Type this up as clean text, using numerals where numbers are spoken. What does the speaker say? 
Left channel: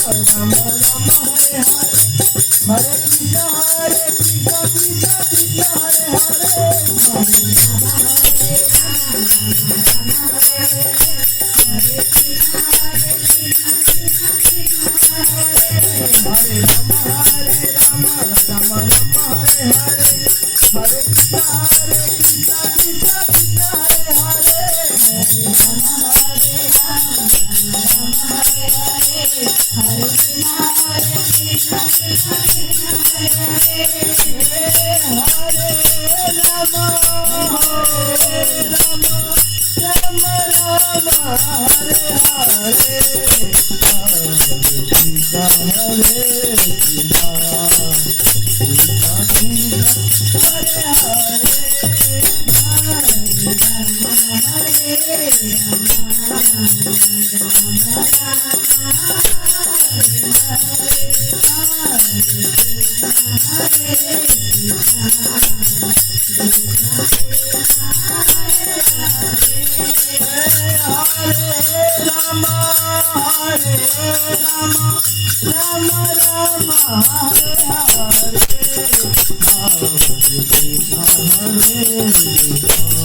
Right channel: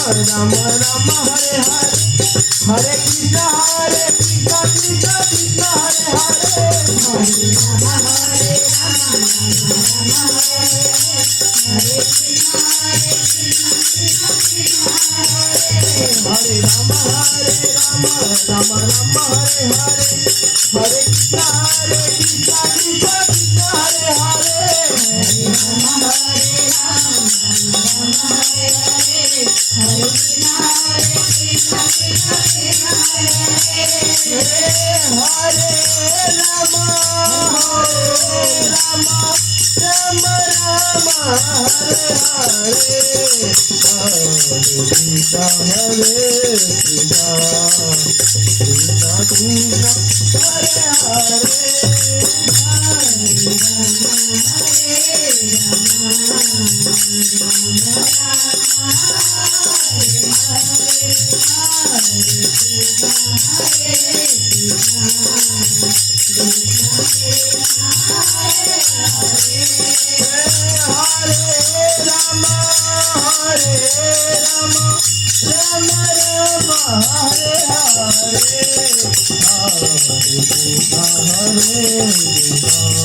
Rama Rama Hare Hare Hare Krishna Krishna Krishna Hare Hare Hare Rama Hare Rama Rama Hare Hare Hare Krishna Krishna Krishna Hare Hare Rama Hare Rama Rama Rama Hare Hare Hare Krishna Krishna Krishna Hare Hare Hare Rama Hare Rama Rama Hare Hare Hare Krishna Krishna Krishna Hare Hare Hare Rama Rama Rama Rama Hare Hare Hare Krishna Krishna Krishna Hare Hare Hare